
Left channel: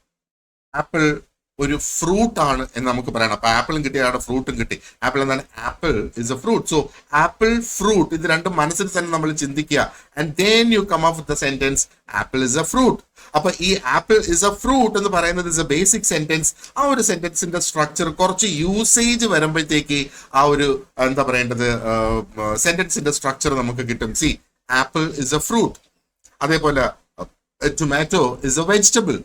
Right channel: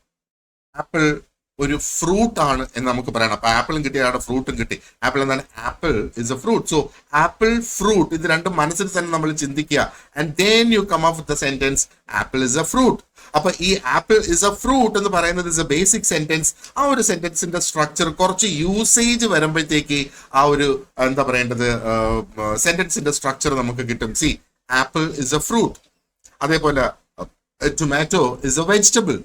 ആപ്പിൾ ഒരു ഫ്രൂട്ട് ആണ് എന്ന് നമുക്ക് പറയണം. അപ്പൊ ആപ്പിളും കിട്ടിയാണ് ഫ്രൂട്ടും കിട്ടി. ആപ്പിൾ എന്താണ്? Apple is a fruit. So apple, fruit, ഇത് രണ്ടും മനസ്സിൽ തന്നെ നമ്മൾ ചിന്തിക്കുക. And then you come up with the sentence apple is a fruit. അപ്പൊ ഈ ആപ്പിൾ ഇസ് എ ഫ്രൂട്ട് എന്ന് പറയുന്നത് ഇസ് എ ബേസിക് സെന്റൻസ്. ആ ഒരു സെന്റൻസിന്റെ സ്ട്രക്ചർ കുറച്ച് യൂസേജ് വരുമ്പോഴത്തേക്ക് ആ ഒരു എന്താ പറയേണ്ടത് സെന്റൻസിന്റെ സ്ട്രക്ചർ നമുക്ക് കിട്ടും. C, apple is a fruit. അതേപോലെ ടൊമാറ്റോ ഇസ് എ വെജിറ്റബിൾ.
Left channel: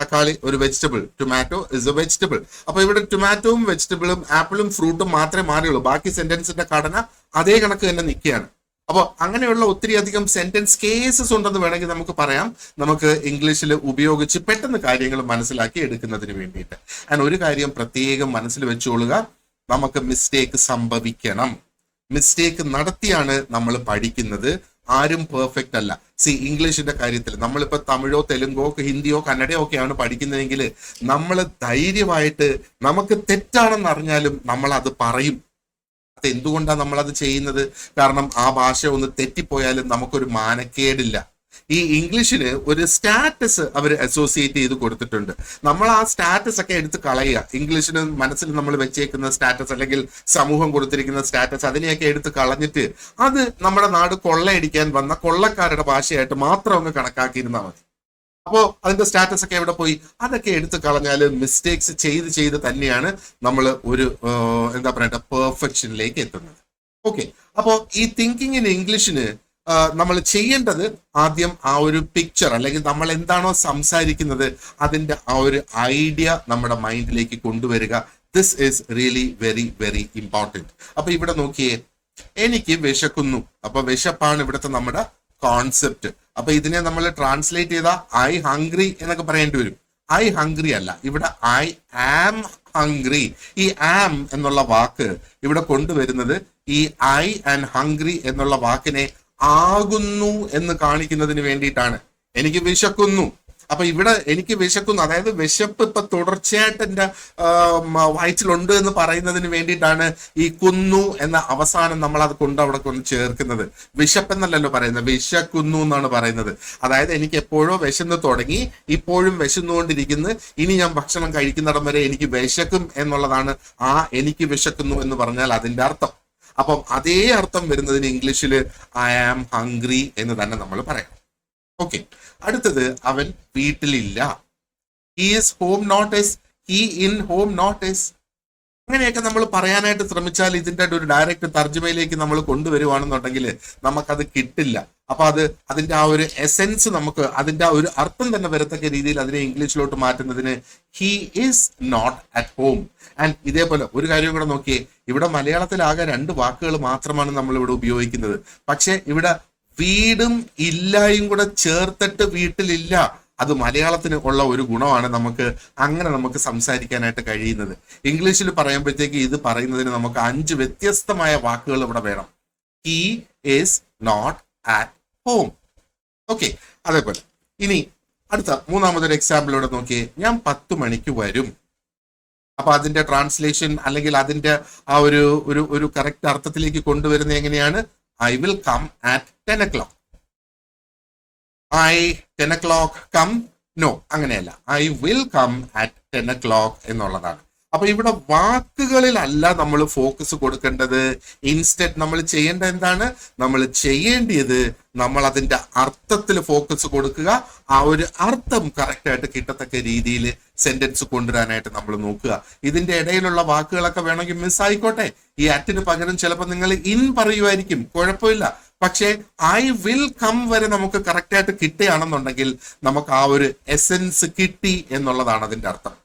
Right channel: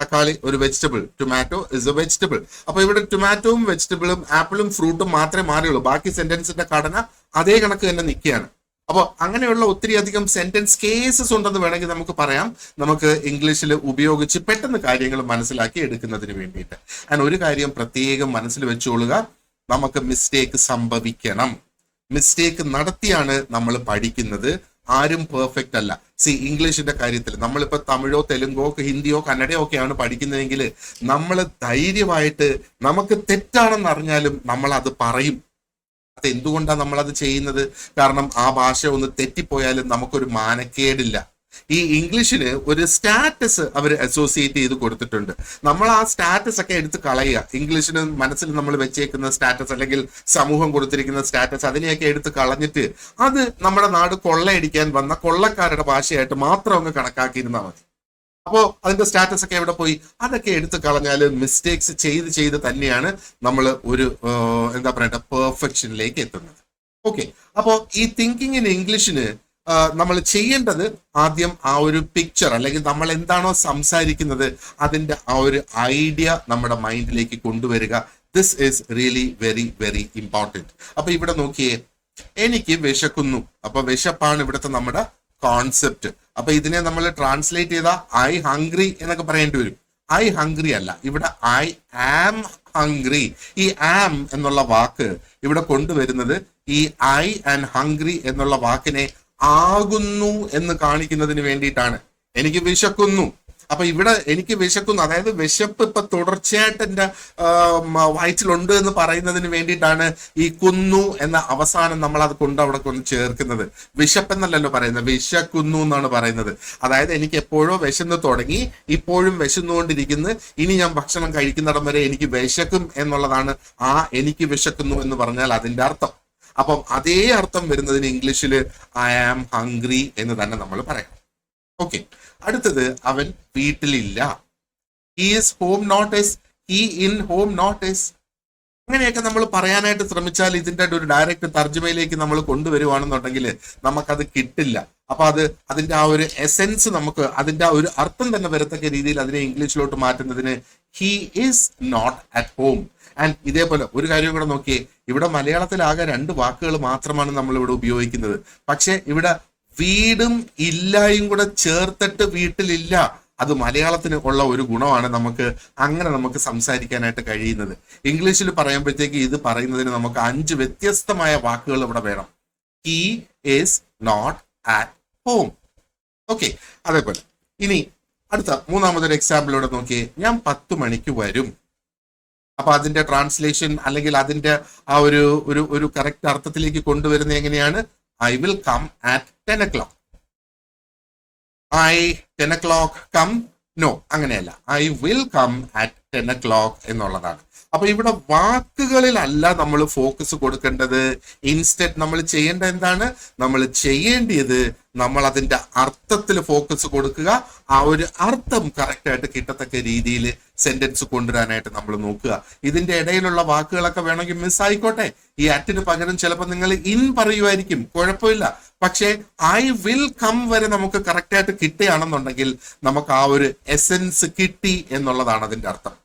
തക്കാളി ഒരു vegetable. Tomato is A vegetable. അപ്പൊ ഇവിടെ ടൊമാറ്റോയും വെജിറ്റബിളും ആപ്പിളും ഫ്രൂട്ടും മാത്രമേ മാറിയുള്ളൂ. ബാക്കി സെന്റൻസിന്റെ ഘടന അതേ കണക്ക് തന്നെ നിൽക്കുകയാണ്. അപ്പൊ അങ്ങനെയുള്ള ഒത്തിരി അധികം സെന്റൻസ് കേസസ് ഉണ്ടെന്ന് വേണമെങ്കിൽ നമുക്ക് പറയാം, നമുക്ക് ഇംഗ്ലീഷിൽ ഉപയോഗിച്ച് പെട്ടെന്ന് കാര്യങ്ങൾ മനസ്സിലാക്കി എടുക്കുന്നതിന് വേണ്ടിയിട്ട്. ഞാൻ ഒരു കാര്യം പ്രത്യേകം മനസ്സിൽ വെച്ചോളുക, നമുക്ക് മിസ്റ്റേക്ക് സംഭവിക്കണം. മിസ്റ്റേക്ക് നടത്തിയാണ് നമ്മൾ പഠിക്കുന്നത്. ആരും പെർഫെക്റ്റ് അല്ല. സി, ഇംഗ്ലീഷിന്റെ കാര്യത്തിൽ നമ്മളിപ്പോ തമിഴോ തെലുങ്കോ ഹിന്ദിയോ കന്നഡയോ ഒക്കെയാണ് പഠിക്കുന്നതെങ്കിൽ നമ്മൾ ധൈര്യമായിട്ട് നമുക്ക് തെറ്റാണെന്ന് അറിഞ്ഞാലും നമ്മൾ അത് പറയും. അത് എന്തുകൊണ്ടാണ് നമ്മളത് ചെയ്യുന്നത്? കാരണം ആ ഭാഷ ഒന്ന് തെറ്റിപ്പോയാലും നമുക്കൊരു മാനക്കേടില്ല. ഈ ഇംഗ്ലീഷിന് ഒരു സ്റ്റാറ്റസ് അവർ അസോസിയേറ്റ് ചെയ്ത് കൊടുത്തിട്ടുണ്ട്. നമ്മൾ ആ സ്റ്റാറ്റസ് ഒക്കെ എടുത്ത് കളയുക. ഇംഗ്ലീഷിന് മനസ്സിൽ നമ്മൾ വെച്ചേക്കുന്ന സ്റ്റാറ്റസ് അല്ലെങ്കിൽ സമൂഹം കൊടുത്തിരിക്കുന്ന സ്റ്റാറ്റസ് അതിനെയൊക്കെ എടുത്ത് കളഞ്ഞിട്ട് അത് നമ്മുടെ നാട് കൊള്ളയടിക്കാൻ വന്ന കൊള്ളക്കാരുടെ ഭാഷയായിട്ട് മാത്രം അങ്ങ് കണക്കാക്കിയിരുന്നാൽ മതി. അപ്പോ അതിന്റെ സ്റ്റാറ്റസ് ഒക്കെ എവിടെ പോയി? അതൊക്കെ എടുത്ത് കളഞ്ഞാൽ മിസ്റ്റേക്സ് ചെയ്ത് തന്നെയാണ് നമ്മൾ ഒരു എന്താ പറയണ്ട പെർഫെക്ഷനിലേക്ക് എത്തുന്നത്. ഓക്കെ, അപ്പോ ഈ തിങ്കിങ് ഇൻ ഇംഗ്ലീഷിന് നമ്മൾ ചെയ്യേണ്ടത് ആദ്യം ആ ഒരു പിക്ചർ അല്ലെങ്കിൽ നമ്മൾ എന്താണോ സംസാരിക്കുന്നത് അതിന്റെ ആ ഒരു ഐഡിയ നമ്മുടെ മൈൻഡിലേക്ക് കൊണ്ടുവരിക. This is really very very important. അപ്പൊ ഇവിടെ നോക്കിയേ, എനിക്ക് വിശക്കുന്നു. അപ്പൊ വിശപ്പാണ് ഇവിടുത്തെ നമ്മുടെ കോൺസെപ്റ്റ്. അപ്പൊ ഇതിനെ നമ്മൾ ട്രാൻസ്ലേറ്റ് ചെയ്ത ഐ ഹംഗ്രി എന്നൊക്കെ പറയേണ്ടി വരും. ഐ ഹംഗ്രി അല്ല, ഇവിടെ ഐ ആം ഹംഗ്രി. ഈ ആം എന്നുള്ള വാക്ക് ഇവിടെ കൊണ്ടുവരുന്നത് ഈ ഐ ആൻഡ് ഹംഗ്രി എന്നുള്ള വാക്കിനെ ആകുന്നു എന്ന് കാണിക്കുന്നതിന് വേണ്ടിയിട്ടാണ്. എനിക്ക് വിശക്കുന്നു. അപ്പൊ ഇവിടെ എനിക്ക് വിശക്കുന്നു, അതായത് വിശപ്പ് ഇപ്പൊ തുടർച്ചയായിട്ട് എന്റെ വയറ്റിലുണ്ട് എന്ന് പറയുന്നതിന് വേണ്ടിയിട്ടാണ് ഈ കുന്നു എന്ന അവസാനം നമ്മൾ അത് അവിടെ കൊണ്ട് ചേർക്കുന്നത്. വിശപ്പെന്നല്ലല്ലോ പറയുന്നത്, വിശക്കുന്നു എന്നാണ് പറയുന്നത്. അതായത് എനിക്ക് എപ്പോഴോ വിശന്ന് തുടങ്ങി, ഇപ്പോഴും വിശന്നുകൊണ്ടിരിക്കുന്നു, ഇനി ഞാൻ ഭക്ഷണം കഴിക്കുന്നിടം വരെ എനിക്ക് വിശക്കും എന്നുള്ളതാണ് ആ എനിക്ക് വിശക്കുന്നു എന്ന് പറഞ്ഞാൽ അതിന്റെ അർത്ഥം. അപ്പം അതേ അർത്ഥം വരുന്നതിന് ഇംഗ്ലീഷിൽ ഐ ആം ഹംഗ്രി എന്ന് തന്നെ നമ്മൾ പറയാം. ഓക്കെ, അടുത്തത് അവൻ വീട്ടിലില്ല. He is home not is, he in home not is. അങ്ങനെയൊക്കെ നമ്മൾ പറയാനായിട്ട് ശ്രമിച്ചാൽ ഇതിന്റെ ഒരു ഡയറക്റ്റ് തർജ്ജമയിലേക്ക് നമ്മൾ കൊണ്ടുവരുവാണെന്നുണ്ടെങ്കിൽ നമുക്കത് കിട്ടില്ല. അപ്പൊ അതിന്റെ ആ ഒരു എസെൻസ് നമുക്ക് അതിന്റെ ആ ഒരു അർത്ഥം തന്നെ വരത്തക്ക രീതിയിൽ അതിനെ ഇംഗ്ലീഷിലോട്ട് മാറ്റുന്നതിന് he is not at home. And ഇതേപോലെ ഒരു കാര്യം കൂടെ നോക്കിയേ, ഇവിടെ മലയാളത്തിലാകെ 2 വാക്കുകൾ മാത്രമാണ് നമ്മൾ ഇവിടെ ഉപയോഗിക്കുന്നത്. പക്ഷെ ഇവിടെ വീടും ഇല്ലായും കൂടെ ചേർത്തിട്ട് വീട്ടിലില്ല. അത് മലയാളത്തിന് ഉള്ള ഒരു ഗുണമാണ്. നമുക്ക് സംസാരിക്കാനായിട്ട് കഴിയുന്നത്. ഇംഗ്ലീഷിൽ പറയുമ്പോഴത്തേക്ക് ഇത് പറയുന്നതിന് നമുക്ക് 5 വ്യത്യസ്തമായ വാക്കുകൾ ഇവിടെ വേണം. He is not at home. Okay, അതേപോലെ ഇനി അടുത്ത 3-മതൊരു എക്സാമ്പിളോട് നോക്കിയേ. ഞാൻ 10 മണിക്ക് വരും. അപ്പൊ അതിന്റെ ട്രാൻസ്ലേഷൻ അല്ലെങ്കിൽ അതിന്റെ ആ ഒരു കറക്റ്റ് അർത്ഥത്തിലേക്ക് കൊണ്ടുവരുന്നത് എങ്ങനെയാണ്? I will come at 10 o'clock. 10 o'clock come? No, അങ്ങനെയല്ല. I will come at 10 o'clock എന്നുള്ളതാണ്. അപ്പൊ ഇവിടെ വാക്കുകളിലല്ല നമ്മൾ ഫോക്കസ് കൊടുക്കേണ്ടത്. ഇൻസ്റ്റെഡ് നമ്മൾ ചെയ്യേണ്ട എന്താണ്? നമ്മൾ ചെയ്യേണ്ടത് നമ്മൾ അതിന്റെ അർത്ഥത്തിൽ ഫോക്കസ് കൊടുക്കുക. ആ ഒരു അർത്ഥം കറക്റ്റ് ആയിട്ട് കിട്ടത്തക്ക രീതിയിൽ സെന്റൻസ് കൊണ്ടുവരാനായിട്ട് നമ്മൾ നോക്കുക. ഇതിന്റെ ഇടയിലുള്ള വാക്കുകളൊക്കെ വേണമെങ്കിൽ മിസ് ആയിക്കോട്ടെ. ഈ അറ്റിന് പകരം ചിലപ്പോൾ നിങ്ങൾ ഇൻ പറയുമായിരിക്കും, കുഴപ്പമില്ല. പക്ഷേ ഐ വിൽ കം വരെ നമുക്ക് കറക്റ്റ് ആയിട്ട് കിട്ടുകയാണെന്നുണ്ടെങ്കിൽ നമുക്ക് ആ ഒരു എസെൻസ് കിട്ടി എന്നുള്ളതാണ് അതിന്റെ അർത്ഥം.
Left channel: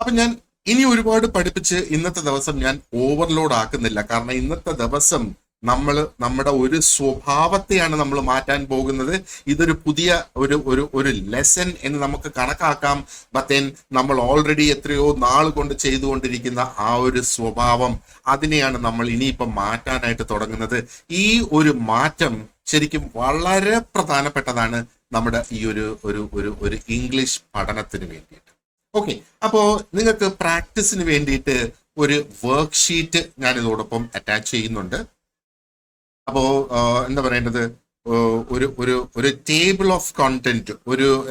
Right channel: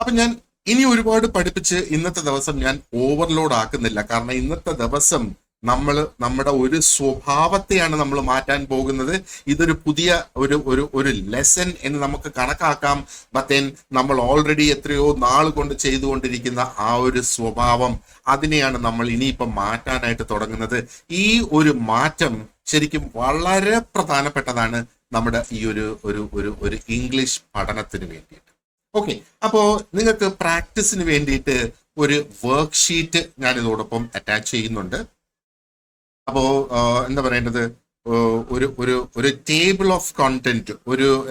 അപ്പൊ ഞാൻ ഇനി ഒരുപാട് പഠിപ്പിച്ച് ഇന്നത്തെ ദിവസം ഞാൻ ഓവർലോഡ് ആക്കുന്നില്ല. കാരണം ഇന്നത്തെ ദിവസം നമ്മുടെ ഒരു സ്വഭാവത്തെയാണ് നമ്മൾ മാറ്റാൻ പോകുന്നത്. ഇതൊരു പുതിയ ഒരു ലെസൺ എന്ന് നമുക്ക് കണക്കാക്കാം. ബത്തേൻ നമ്മൾ ഓൾറെഡി എത്രയോ നാൾ കൊണ്ട് ചെയ്തുകൊണ്ടിരിക്കുന്ന ആ ഒരു സ്വഭാവം, അതിനെയാണ് നമ്മൾ ഇനിയിപ്പം മാറ്റാനായിട്ട് തുടങ്ങുന്നത്. ഈ ഒരു മാറ്റം ശരിക്കും വളരെ പ്രധാനപ്പെട്ടതാണ് നമ്മുടെ ഈ ഒരു ഇംഗ്ലീഷ് പഠനത്തിന് വേണ്ടിയിട്ട്. ഓക്കെ, അപ്പോ നിങ്ങൾക്ക് പ്രാക്ടീസിന് വേണ്ടിയിട്ട് ഒരു വർക്ക് ഷീറ്റ് ഞാൻ ഇതോടൊപ്പം അറ്റാച്ച് ചെയ്യുന്നുണ്ട്. അപ്പോ എന്താ പറയേണ്ടത്, ഒരു ടേബിൾ ഓഫ് കോണ്ടന്റ്,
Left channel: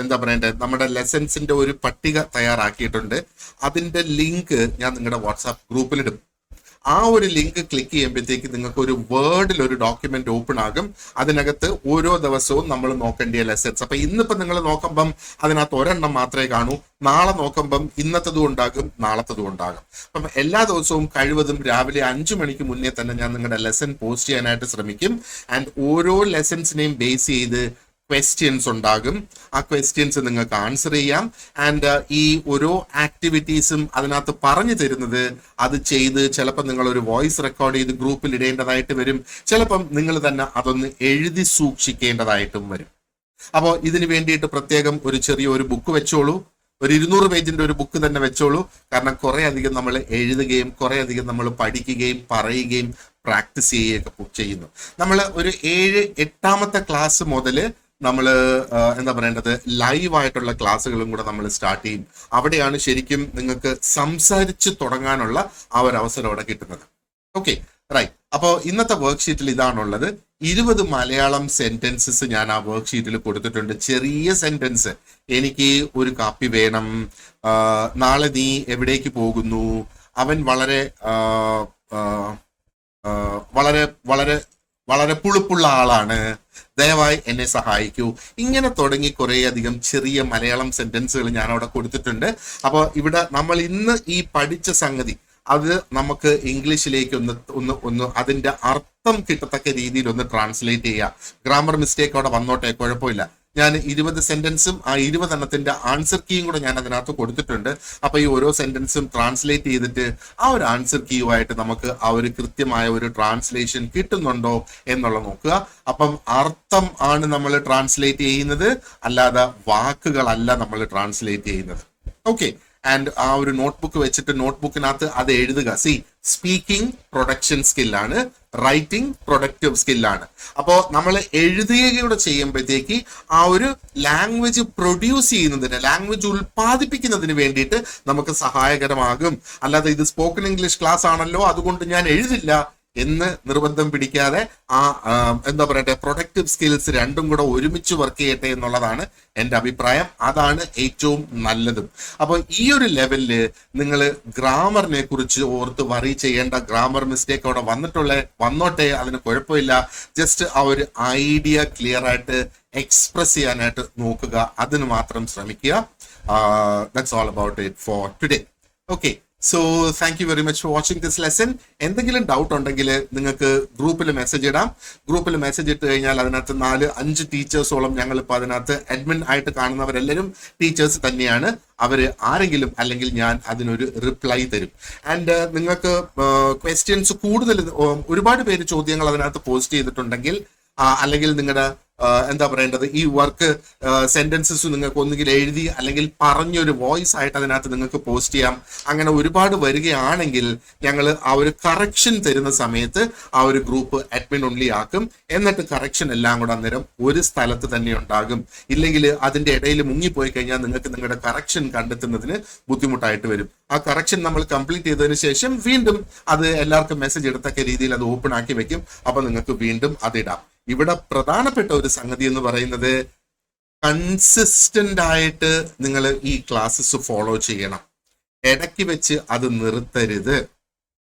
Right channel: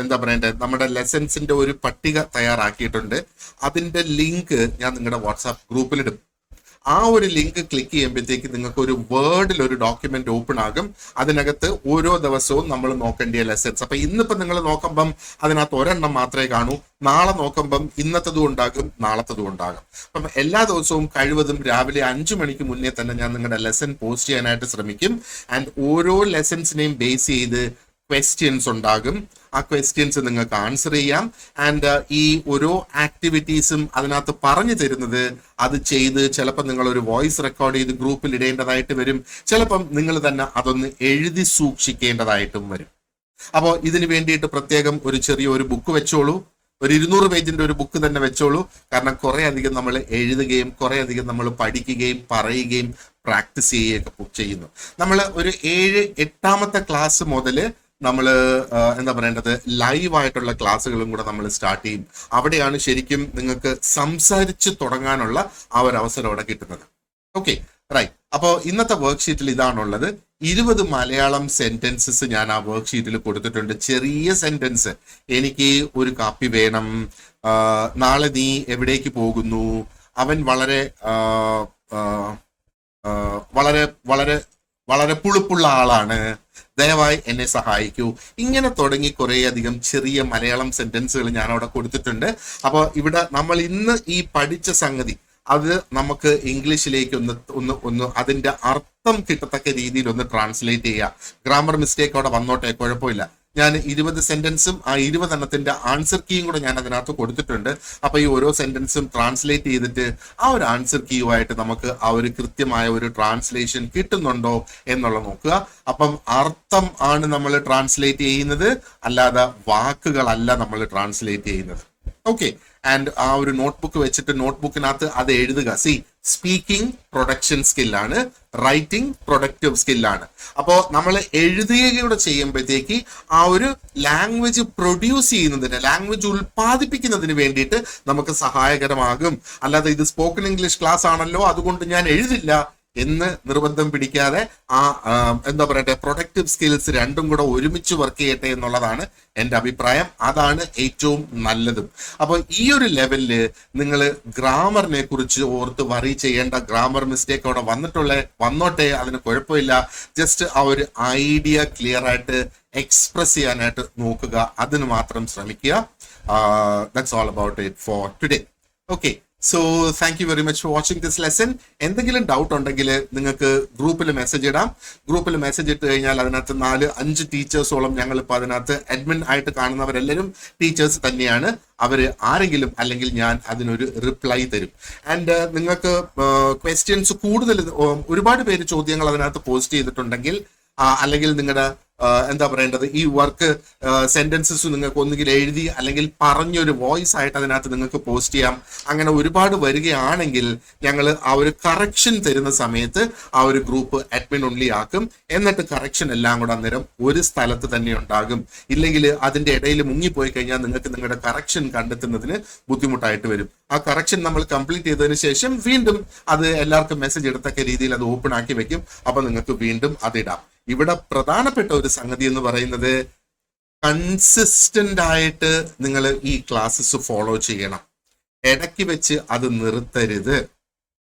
എന്താ പറയേണ്ടത്, നമ്മുടെ ലെസൺസിന്റെ ഒരു പട്ടിക തയ്യാറാക്കിയിട്ടുണ്ട്. അതിന്റെ ലിങ്ക് ഞാൻ നിങ്ങളുടെ വാട്സാപ്പ് ഗ്രൂപ്പിലിടും. ആ ഒരു ലിങ്ക് ക്ലിക്ക് ചെയ്യുമ്പോഴത്തേക്ക് നിങ്ങൾക്ക് ഒരു വേർഡിൽ ഒരു ഡോക്യുമെന്റ് ഓപ്പൺ ആകും. അതിനകത്ത് ഓരോ ദിവസവും നമ്മൾ നോക്കേണ്ട ലെസൺസ്. അപ്പൊ ഇന്നിപ്പോ നിങ്ങൾ നോക്കുമ്പം അതിനകത്ത് ഒരെണ്ണം മാത്രമേ കാണൂ. നാളെ നോക്കുമ്പം ഇന്നത്തതും ഉണ്ടാകും, നാളത്തതും ഉണ്ടാകും. അപ്പം എല്ലാ ദിവസവും കഴിവതും രാവിലെ 5 മണിക്ക് മുന്നേ തന്നെ ഞാൻ നിങ്ങളുടെ ലെസൺ പോസ്റ്റ് ചെയ്യാനായിട്ട് ശ്രമിക്കും. ആൻഡ് ഓരോ ലെസൺസിനെയും ബേസ് ചെയ്ത് ക്വസ്റ്റ്യൻസ് ഉണ്ടാകും. ആ ക്വസ്റ്റ്യൻസ് നിങ്ങൾക്ക് ആൻസർ ചെയ്യാം. ആൻഡ് ഈ ഓരോ ആക്ടിവിറ്റീസും അതിനകത്ത് പറഞ്ഞു തരുന്നത് അത് ചെയ്ത് ചിലപ്പോൾ നിങ്ങൾ ഒരു വോയിസ് റെക്കോർഡ് ചെയ്ത് ഗ്രൂപ്പിൽ ഇടേണ്ടതായിട്ട് വരും. ചിലപ്പം നിങ്ങൾ തന്നെ അതൊന്ന് എഴുതി സൂക്ഷിക്കേണ്ടതായിട്ടും വരും. അപ്പോൾ ഇതിന് വേണ്ടിയിട്ട് പ്രത്യേകം ഒരു ചെറിയൊരു ബുക്ക് വെച്ചോളൂ. ഒരു 200 പേജിന്റെ ഒരു ബുക്ക് തന്നെ വെച്ചോളൂ. കാരണം കുറെ അധികം നമ്മൾ എഴുതുകയും കുറെ അധികം നമ്മൾ പഠിക്കുകയും പറയുകയും പ്രാക്ടീസ് ചെയ്യുകയൊക്കെ ചെയ്യുന്നു. നമ്മൾ ഒരു 7-8 ക്ലാസ് മുതൽ നമ്മൾ എന്താ പറയേണ്ടത്, ലൈവായിട്ടുള്ള ക്ലാസ്സുകളും കൂടെ നമ്മൾ സ്റ്റാർട്ട് ചെയ്യും. അവിടെയാണ് ശരിക്കും നിങ്ങൾക്ക് സംസാരിച്ച് തുടങ്ങാനുള്ള ആ ഒരു അവസരം അവിടെ കിട്ടുന്നത്. Okay, right. അപ്പോൾ ഇന്നത്തെ വർക്ക് ഷീറ്റിൽ ഇതാണുള്ളത്. 20 മലയാളം സെന്റൻസസ് ഞാൻ ആ വർക്ക് ഷീറ്റിൽ കൊടുത്തിട്ടുണ്ട്. ചെറിയ സെന്റൻസ്. എനിക്ക് ഒരു കാപ്പി വേണം, നാളെ നീ എവിടേക്ക് പോകുന്നു, അവൻ വളരെ വളരെ വളരെ വളരെ പുളിപ്പുള്ള ആളാണ്, ദയവായി എന്നെ സഹായിക്കൂ. ഇങ്ങനെ തുടങ്ങി കുറെ അധികം ചെറിയ മലയാളം സെന്റൻസുകൾ ഞാൻ അവിടെ കൊടുത്തിട്ടുണ്ട്. അപ്പോൾ ഇവിടെ നമ്മൾ ഇന്ന് ഈ പഠിച്ച സംഗതി അത് നമുക്ക് ഇംഗ്ലീഷിലേക്ക് ഒന്ന് അതിന്റെ അർത്ഥം കിട്ടത്തക്ക രീതിയിൽ ഒന്ന് ട്രാൻസ്ലേറ്റ് ചെയ്യുക. ഗ്രാമർ മിസ്റ്റേക്ക് അവിടെ വന്നോട്ടെ, കുഴപ്പമില്ല. ഞാൻ 20 സെന്റൻസും ആ 20 എണ്ണത്തിന്റെ ആൻസർ കീയും കൂടെ ഞാൻ അതിനകത്ത് കൊടുത്തിട്ടുണ്ട്. അപ്പൊ ഈ ഓരോ സെന്റൻസും ട്രാൻസ്ലേറ്റ് ചെയ്തിട്ട് ആ ഒരു ആൻസർ കീയുമായിട്ട് നമുക്ക് ആ ഒരു കൃത്യമായ ഒരു ട്രാൻസ്ലേഷൻ കിട്ടുന്നുണ്ടോ എന്നുള്ള നോക്കുക. അപ്പം അർത്ഥം ആണ് നമ്മൾ ട്രാൻസ്ലേറ്റ് ചെയ്യുന്നത്, അല്ലാതെ വാക്കുകളല്ല നമ്മൾ ട്രാൻസ്ലേറ്റ് ചെയ്യുന്നത്. ഓക്കെ, ആൻഡ് ആ ഒരു നോട്ട്ബുക്ക് വെച്ചിട്ട് നോട്ട്ബുക്കിനകത്ത് അത് എഴുതുക. സ്പീക്കിംഗ് പ്രൊഡക്ഷൻ സ്കില്ലാണ്, റൈറ്റിംഗ് പ്രൊഡക്റ്റീവ് സ്കില്ലാണ്. അപ്പോ നമ്മൾ എഴുതുകയൂടെ ചെയ്യുമ്പോഴത്തേക്ക് ആ ഒരു ലാംഗ്വേജ് പ്രൊഡ്യൂസ് ചെയ്യുന്നതിന്, ലാംഗ്വേജ് ഉൽപ്പാദിപ്പിക്കുന്നതിന് വേണ്ടിയിട്ട് നമുക്ക് സഹായകരമാകും. അല്ലാതെ ഇത് സ്പോക്കൺ ഇംഗ്ലീഷ് ക്ലാസ് ആണല്ലോ അതുകൊണ്ട് ഞാൻ എഴുതില്ല എന്ന് നിർബന്ധം പിടിക്കാതെ ആ എന്താ പറയട്ടെ, പ്രൊഡക്റ്റീവ് സ്കിൽസ് രണ്ടും കൂടെ ഒരുമിച്ച് വർക്ക് ചെയ്യട്ടെ എന്നുള്ളതാണ് എന്റെ അഭിപ്രായം. അതാണ് ഏറ്റവും നല്ലതും. അപ്പൊ ഈ ഒരു ലെവലില് നിങ്ങൾ ഗ്രാമറിനെ കുറിച്ച് ഓർത്ത് വറി ചെയ്യേണ്ട. ഗ്രാമർ മിസ്റ്റേക്ക് അവിടെ വന്നോട്ടെ, അതിന് കുഴപ്പമില്ല. ജസ്റ്റ് ആ ഒരു ഐഡിയ ക്ലിയർ ആയിട്ട് എക്സ്പ്രസ് ചെയ്യാനായിട്ട് നോക്കുക, അതിന് മാത്രം ശ്രമിക്കുക. That's all about it for today. Okay, so thank you very much for watching this lesson. എന്തെങ്കിലും ഡൗട്ട് ഉണ്ടെങ്കിൽ നിങ്ങൾക്ക് ഗ്രൂപ്പിൽ മെസ്സേജ് ഇടാം. ഗ്രൂപ്പിൽ മെസ്സേജ് ഇട്ട് കഴിഞ്ഞാൽ അതിനകത്ത് 4-5 ടീച്ചേഴ്സോളം ഞങ്ങളിപ്പോൾ അതിനകത്ത് അഡ്മിൻ ആയിട്ട് കാണുന്നവരെല്ലാവരും ടീച്ചേഴ്സ് തന്നെയാണ്. അവർ ആരെങ്കിലും അല്ലെങ്കിൽ ഞാൻ അതിനൊരു റിപ്ലൈ തരും. ആൻഡ് നിങ്ങൾക്ക് ക്വസ്റ്റ്യൻസ് കൂടുതൽ ഒരുപാട് പേര് ചോദ്യങ്ങൾ അതിനകത്ത് പോസ്റ്റ് ചെയ്തിട്ടുണ്ടെങ്കിൽ അല്ലെങ്കിൽ നിങ്ങളുടെ എന്താ പറയേണ്ടത് ഈ വർക്ക് സെന്റൻസസ് നിങ്ങൾക്ക് ഒന്നുകിൽ എഴുതി അല്ലെങ്കിൽ പറഞ്ഞൊരു വോയിസ് ആയിട്ട് അതിനകത്ത് നിങ്ങൾക്ക് പോസ്റ്റ് ചെയ്യാം. അങ്ങനെ ഒരുപാട് വരികയാണെങ്കിൽ ഞങ്ങൾ ആ ഒരു കറക്ഷൻ തരുന്ന സമയത്ത് ആ ഒരു ഗ്രൂപ്പ് അഡ്മിൻ ഓൺലി ആക്കും. എന്നിട്ട് കറക്ഷൻ എല്ലാം കൂടെ അന്നേരം ഒരു സ്ഥലത്ത് തന്നെ ഉണ്ടാകും. ഇല്ലെങ്കിൽ അതിന്റെ ഇടയിൽ മുങ്ങിപ്പോയി കഴിഞ്ഞാൽ നിങ്ങൾക്ക് നിങ്ങളുടെ കറക്ഷൻ കണ്ടെത്തുന്നതിന് ബുദ്ധിമുട്ടായിട്ട് വരും. ആ കറക്ഷൻ നമ്മൾ കംപ്ലീറ്റ് ചെയ്തതിനു ശേഷം വീണ്ടും അത് എല്ലാവർക്കും മെസ്സേജ് എടുത്തക്ക രീതിയിൽ അത് ഓപ്പൺ ആക്കി വെക്കും. അപ്പൊ നിങ്ങൾക്ക് വീണ്ടും അതിടാം. ഇവിടെ പ്രധാനപ്പെട്ട ഒരു സംഗതി എന്ന് പറയുന്നത് കൺസിസ്റ്റന്റ് ആയിട്ട് നിങ്ങൾ ഈ ക്ലാസ്സസ് ഫോളോ ചെയ്യണം. ഇടയ്ക്ക് വെച്ച് അത് നിർത്തരുത്.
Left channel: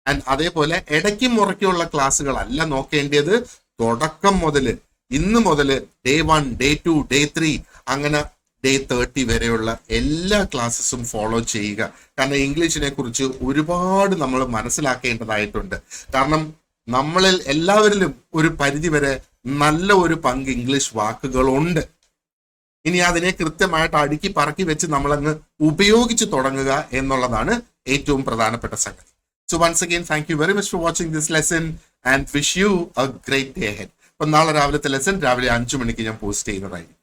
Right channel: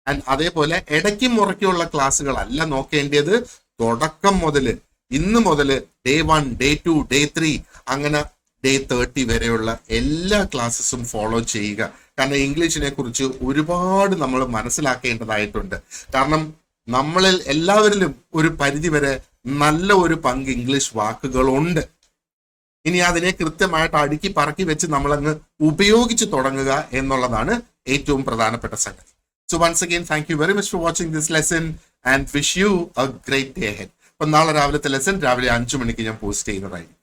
ആൻഡ് അതേപോലെ ഇടയ്ക്ക് മുറയ്ക്കുള്ള ക്ലാസ്സുകളല്ല നോക്കേണ്ടത്. തുടക്കം മുതൽ ഇന്ന് മുതൽ ഡേ 1, ഡേ 2, ഡേ 3 അങ്ങനെ ഡേ 30 വരെയുള്ള എല്ലാ ക്ലാസ്സസും ഫോളോ ചെയ്യുക. കാരണം ഇംഗ്ലീഷിനെ കുറിച്ച് ഒരുപാട് നമ്മൾ മനസ്സിലാക്കേണ്ടതായിട്ടുണ്ട്. കാരണം നമ്മളിൽ എല്ലാവരിലും ഒരു പരിധി വരെ നല്ല ഒരു പങ്ക് ഇംഗ്ലീഷ് വാക്കുകളുണ്ട്. ഇനി അതിനെ കൃത്യമായിട്ട് അടുക്കി പറക്കി വെച്ച് നമ്മളങ്ങ് ഉപയോഗിച്ച് തുടങ്ങുക എന്നുള്ളതാണ് ഏറ്റവും പ്രധാനപ്പെട്ട സംഗതി. So once again thank you very much for watching this lesson and wish you a great day ahead. അപ്പൊ നാളെ രാവിലത്തെ ലെസൺ രാവിലെ 5 മണിക്ക് ഞാൻ പോസ്റ്റ് ചെയ്യുന്നതായിരിക്കും.